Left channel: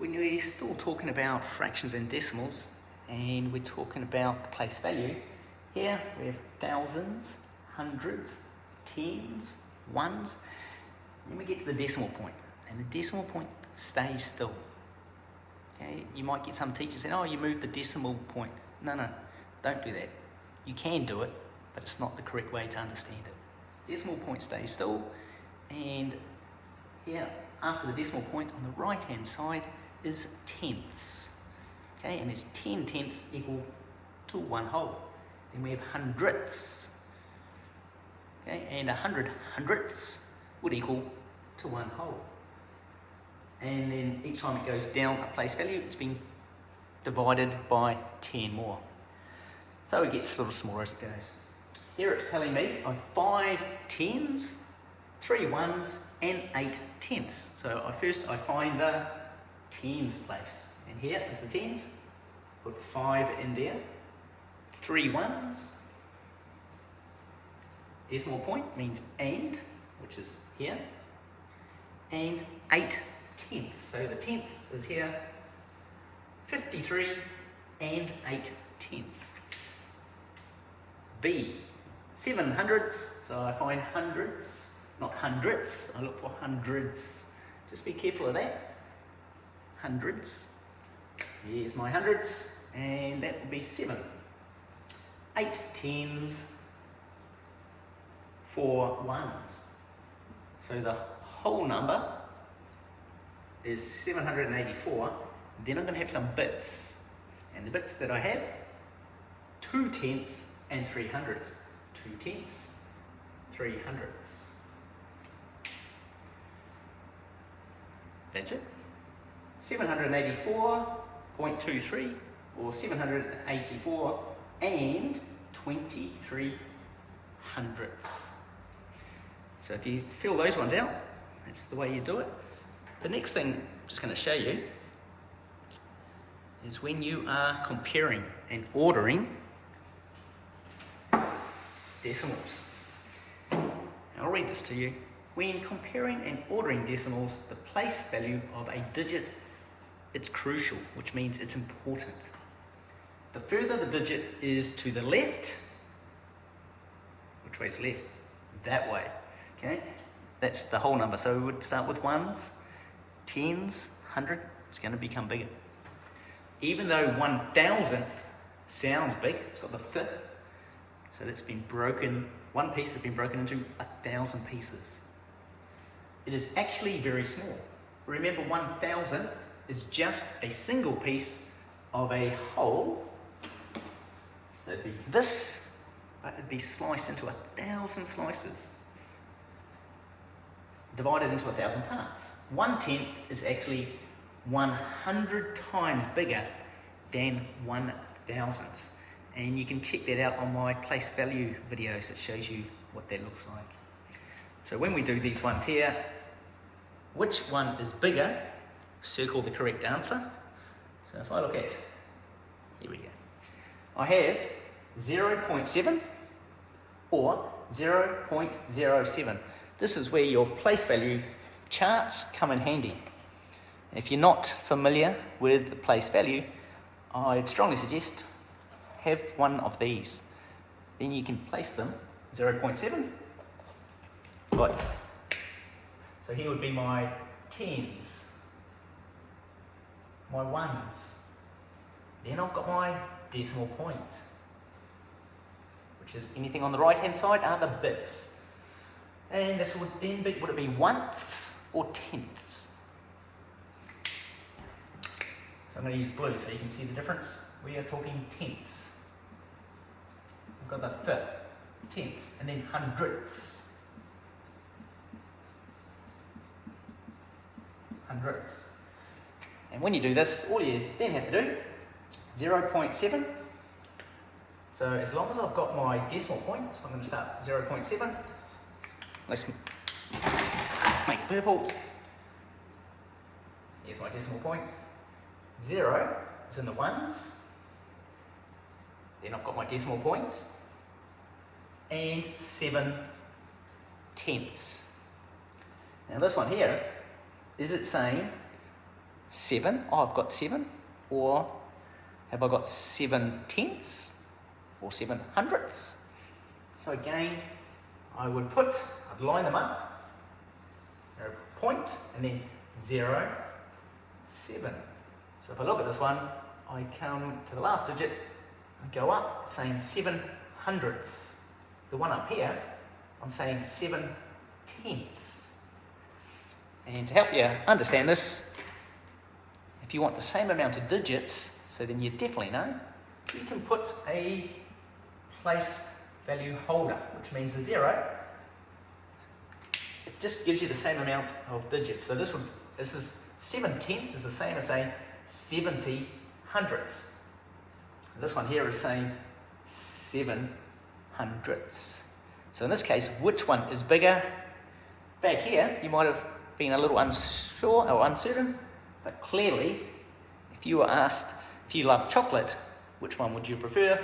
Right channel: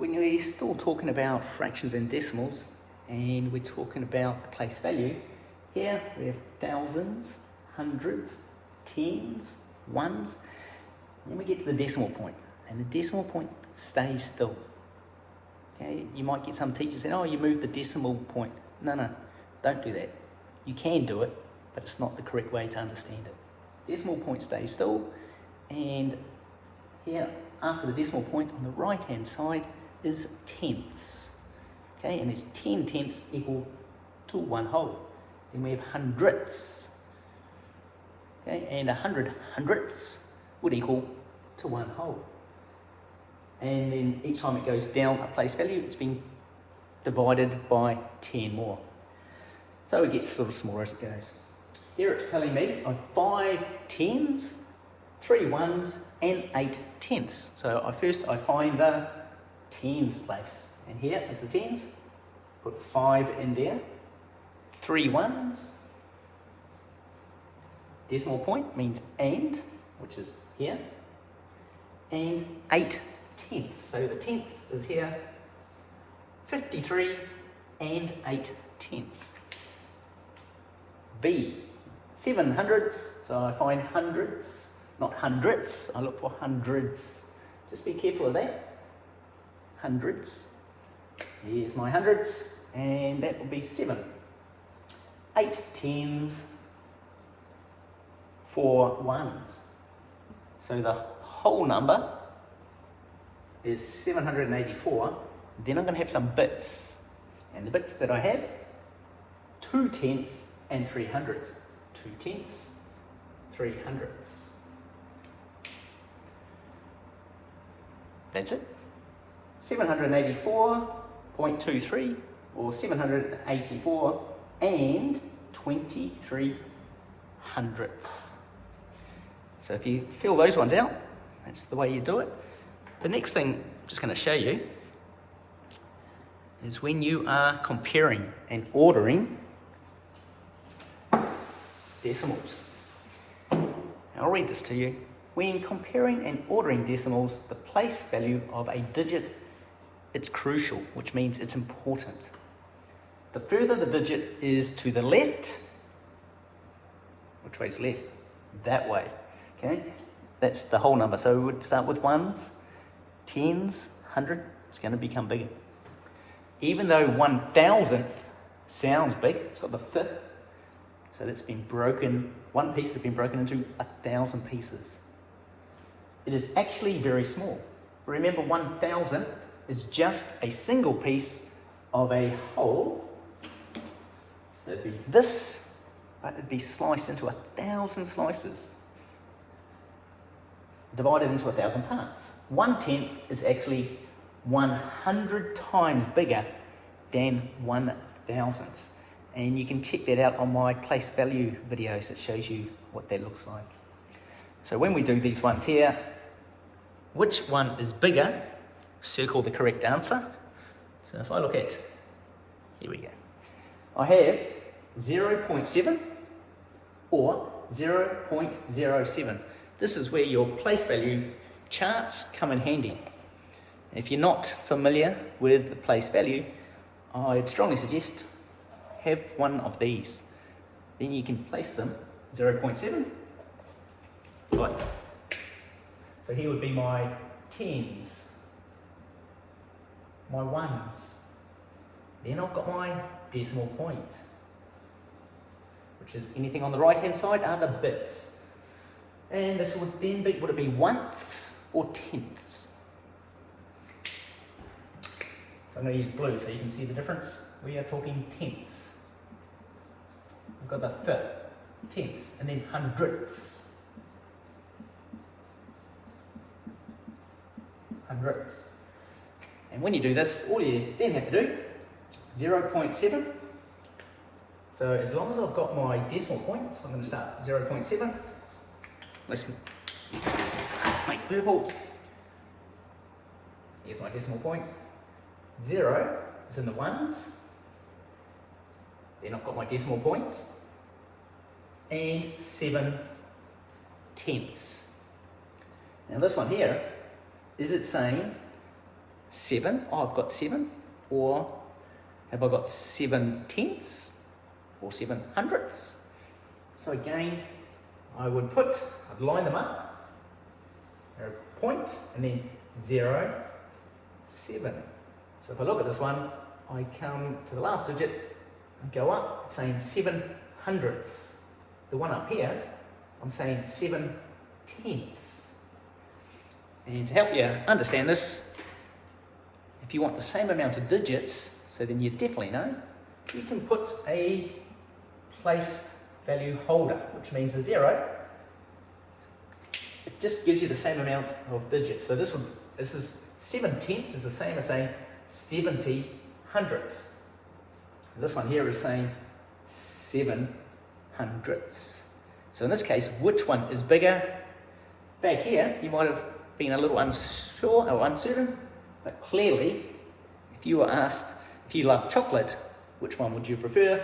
We're still talking about fractions and decimals, and we're talking about the place value. Here we have thousands, hundreds, tens, ones, then we get to the decimal point, and the decimal point stays still. Okay, you might get some teachers saying, oh, you moved the decimal point. No, don't do that. You can do it, but it's not the correct way to understand it. Decimal point stays still, and here after the decimal point on the right hand side is tenths. Okay, and there's 10 tenths equal to 1 whole. Then we have hundredths. Okay, and 100 hundredths would equal to 1 whole. And then each time it goes down a place value, it's been divided by 10 more. So it gets sort of smaller as it goes. Here it's telling me I have 5 tens, 3 ones, and 8 tenths. So I find the tens place. And here is the tens. Put 5 in there, 3 ones. Decimal point means and, which is here, and 8 tenths. So the tenths is here, 53 and 8 tenths. B, 7 hundredths, so I find hundreds, not hundredths, I look for hundreds. Just be careful of that. Hundreds, here's my hundreds, and that will be 7. 8 tens, 4 ones. So the whole number is 784. Then I'm going to have some bits, and the bits that I have, 2 tenths and 3 hundredths. 2 tenths, 3 hundredths. That's it. 784.23 or 784 and 23 hundredths. So if you fill those ones out, that's the way you do it. The next thing I'm just going to show you is when you are comparing and ordering decimals. I'll read this to you. When comparing and ordering decimals, the place value of a digit is crucial, which means it's important. The further the digit is to the left, which way is left? That way. Okay, that's the whole number. So we would start with ones, tens, 100, it's going to become bigger. Even though 1,000 sounds big, it's got the th, so that's been broken, one piece has been broken into 1,000 pieces. It is actually very small. Remember, 1,000 is just a single piece of a whole. So it'd be this, but it'd be sliced into 1,000 slices, divided into 1,000 parts. 1/10 is actually 100 times bigger than 1,000th. And you can check that out on my place value videos. It shows you what that looks like. So when we do these ones here, which one is bigger, circle the correct answer. So if I look at, here we go. I have 0.7 or 0.07. This is where your place value charts come in handy. If you're not familiar with the place value, I'd strongly suggest have one of these. Then you can place them 0.7. Right. So here would be my tens, my ones. Then I've got my decimal point, which is anything on the right hand side are the bits. And this would then be, would it be ones or tenths? So I'm going to use blue so you can see the difference. We are talking tenths. We've got the fifth, tenths, and then hundredths. Hundredths. And when you do this, all you then have to do, 0.7. So as long as I've got my decimal point, so I'm going to start 0.7. Let's make purple. Here's my decimal point. 0 is in the ones. Then I've got my decimal point. And 7 tenths. Now this one here, is it saying 7? Oh, I've got 7. Or have I got 7 tenths or 7 hundredths? So again, I'd line them up, a point, and then 0, 7. So if I look at this one, I come to the last digit and go up, it's saying 7 hundredths. The one up here, I'm saying 7 tenths. And to help you understand this, if you want the same amount of digits, so then you definitely know, you can put a place value holder, which means the 0. It just gives you the same amount of digits. So this is 7 tenths is the same as saying 70 hundredths. This one here is saying 7 hundredths. So in this case, which one is bigger? Back here, you might have been a little unsure or uncertain, but clearly, if you were asked if you love chocolate, which one would you prefer?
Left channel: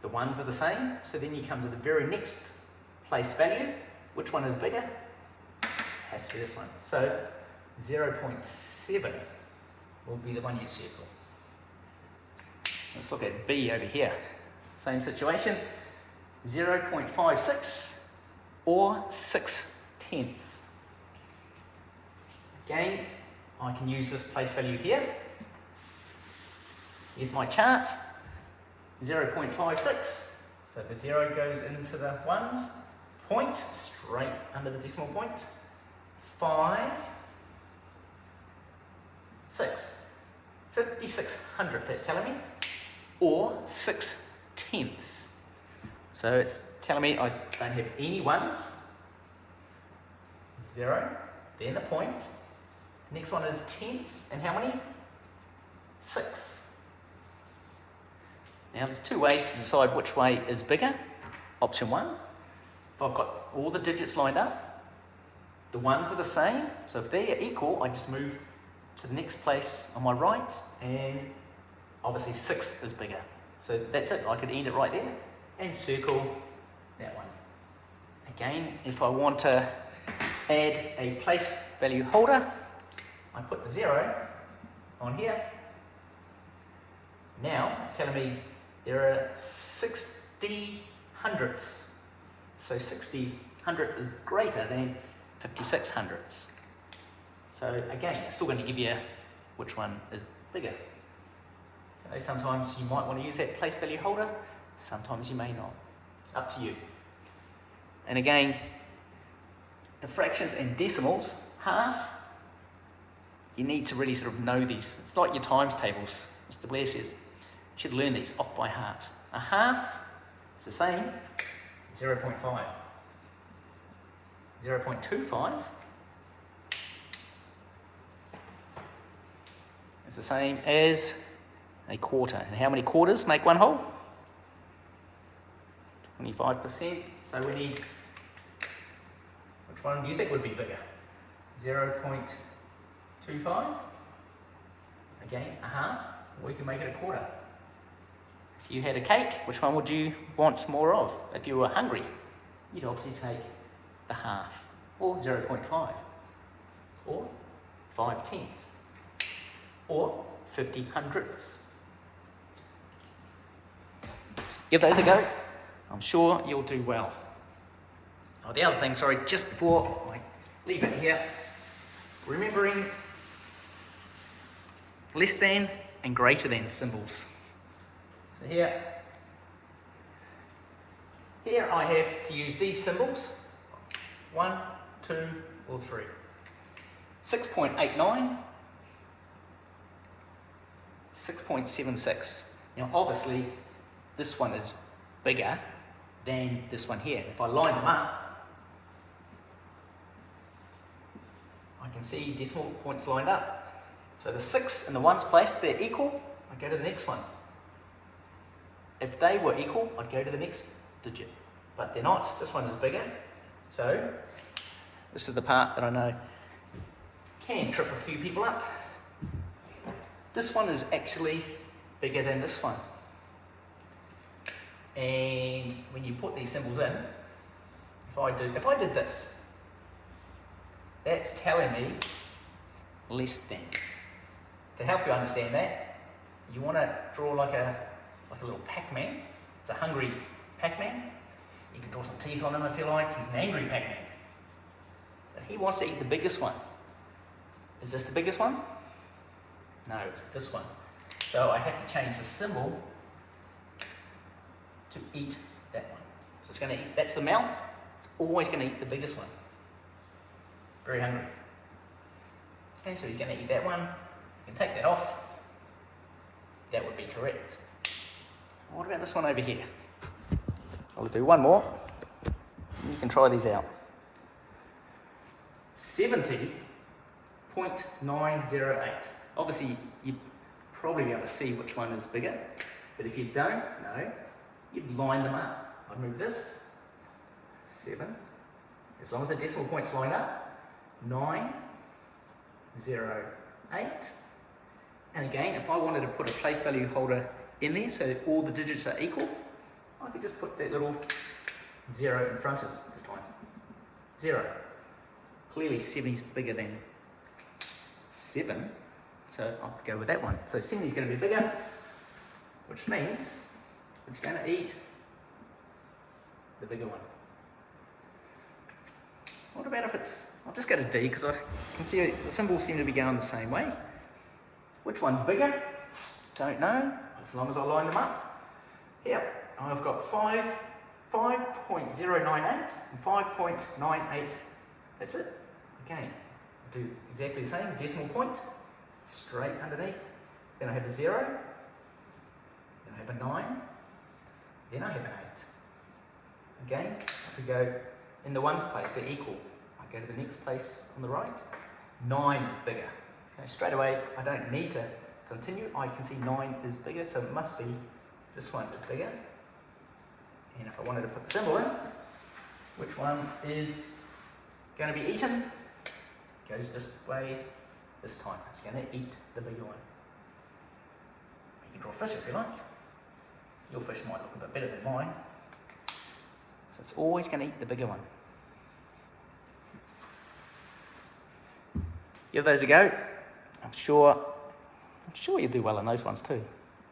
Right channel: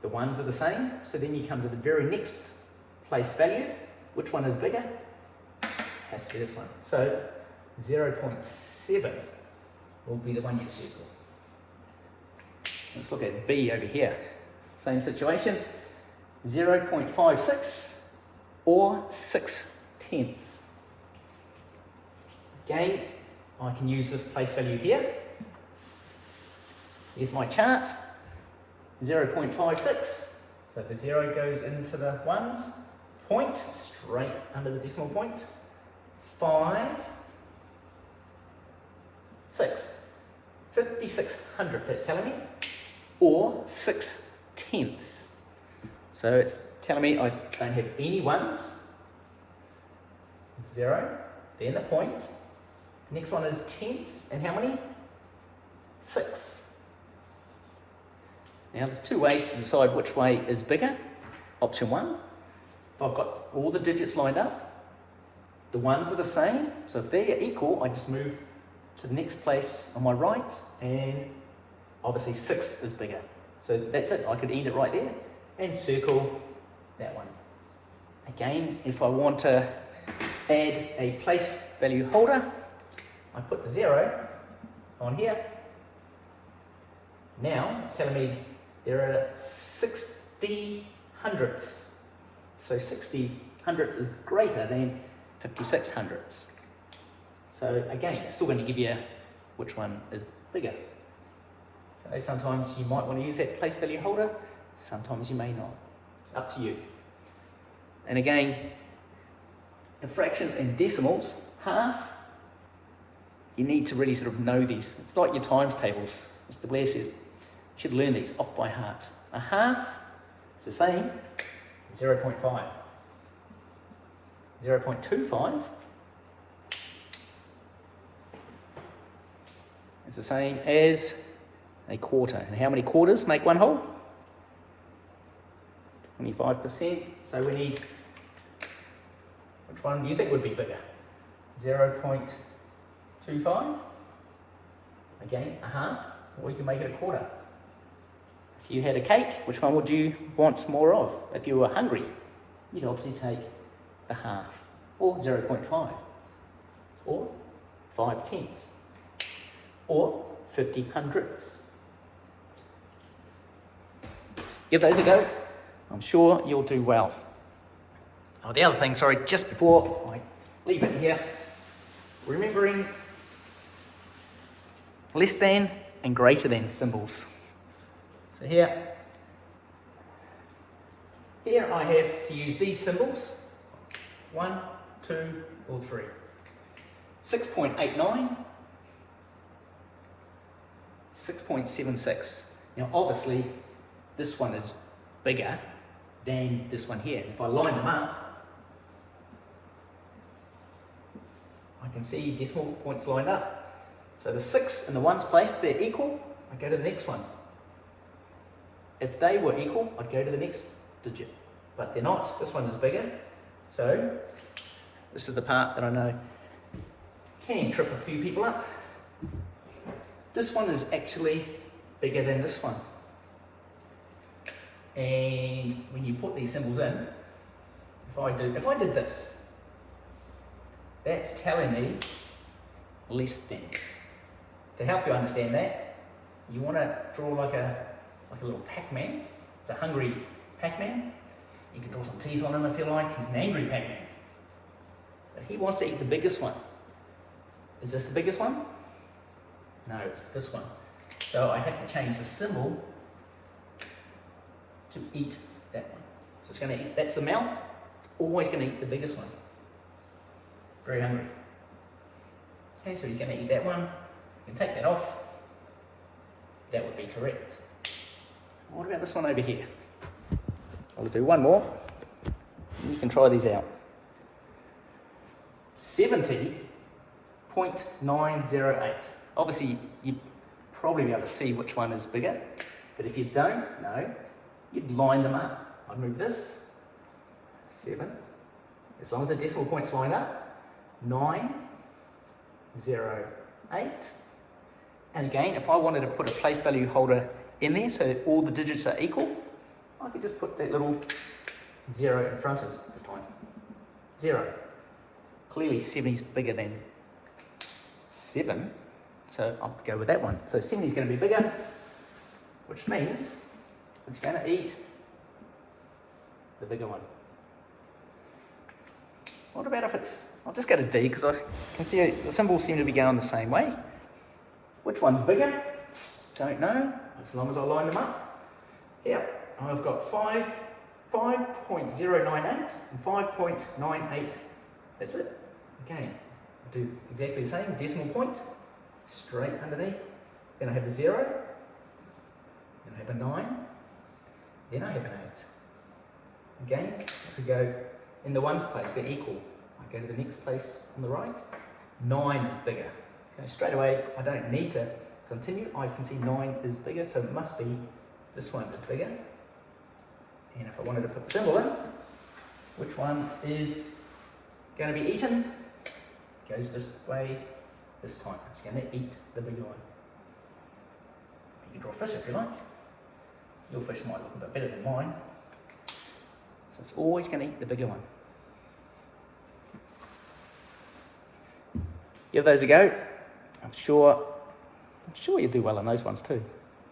The ones are the same, so then you come to the very next place value. Which one is bigger? Has to be this one. So 0.7 will be the one you circle. Let's look at B over here. Same situation, 0.56 or 6 tenths. Again, I can use this place value here. Here's my chart, 0.56. So the 0 goes into the ones, point, straight under the decimal point, 5, 6, 56 hundredths, that's telling me, or 6 tenths. So it's telling me I don't have any ones, 0, then the point. Next one is tenths, and how many? 6. Now there's two ways to decide which way is bigger. Option 1, if I've got all the digits lined up, the ones are the same, so if they're equal, I just move to the next place on my right, and obviously 6 is bigger. So that's it, I could end it right there, and circle that one. Again, if I want to add a place value holder, I put the 0 on here. Now it's telling me there are 60 hundredths. So 60 hundredths is greater than 56 hundredths. So again, it's still going to give you which one is bigger. So sometimes you might want to use that place value holder, sometimes you may not. It's up to you. And again, the fractions and decimals, half, you need to really sort of know these. It's like your times tables. Mr. Blair says, you should learn these off by heart. A half is the same, 0.5. 0.25 is the same as a quarter. And how many quarters make one whole? 25%. So we need, which one do you think would be bigger? 0.25, again a half, or we can make it a quarter. If you had a cake, which one would you want more of? If you were hungry, you'd obviously take the half, or 0.5, or 5 tenths, or 50 hundredths. Give those a go, I'm sure you'll do well. Oh, the other thing, sorry, just before I leave it here, remembering less than and greater than symbols. So here I have to use these symbols, 1, 2, or 3. 6.89, 6.76. Now obviously this one is bigger than this one here. If I line them up, I can see decimal points lined up. So the 6 in the ones place, they're equal, I go to the next one. If they were equal, I'd go to the next digit. But they're not, this one is bigger. So this is the part that I know can trip a few people up. This one is actually bigger than this one. And when you put these symbols in, if I did this, that's telling me less than. To help you understand that, you want to draw like a little Pac-Man. It's a hungry Pac-Man. You can draw some teeth on him if you like. He's an angry Pac-Man. But he wants to eat the biggest one. Is this the biggest one? No, it's this one. So I have to change the symbol to eat that one. So it's going to eat, that's the mouth. It's always going to eat the biggest one. Very hungry. And so he's going to eat that one. You can take that off. That would be correct. What about this one over here? So I'll do one more. You can try these out. 70.908. Obviously, you'd probably be able to see which one is bigger. But if you don't know, you'd line them up. I'd move this, 7, as long as the decimal point's lined up, 9, 0, 8. And again, if I wanted to put a place value holder in there so that all the digits are equal, I could just put that little 0 in front of this time. 0. Clearly 7 is bigger than 7, so I'll go with that one. So 7 is going to be bigger, which means it's going to eat the bigger one. What about if it's, I'll just go to D because I can see the symbols seem to be going the same way. Which one's bigger? Don't know, as long as I line them up. Yep, I've got 5.098 and 5.98. That's it. Again, I'll do exactly the same, decimal point, straight underneath. Then I have the 0, then I have a 9, then I have an 8. Again, I could go in the ones place, they're equal. I go to the next place on the right, 9 is bigger. So straight away, I don't need to continue. I can see 9 is bigger, so it must be this one is bigger. And if I wanted to put the symbol in, which one is going to be eaten? Goes this way this time. It's going to eat the bigger one. You can draw a fish if you like. Your fish might look a bit better than mine. So it's always going to eat the bigger one. Give those a go. I'm sure you'll do well on those ones too.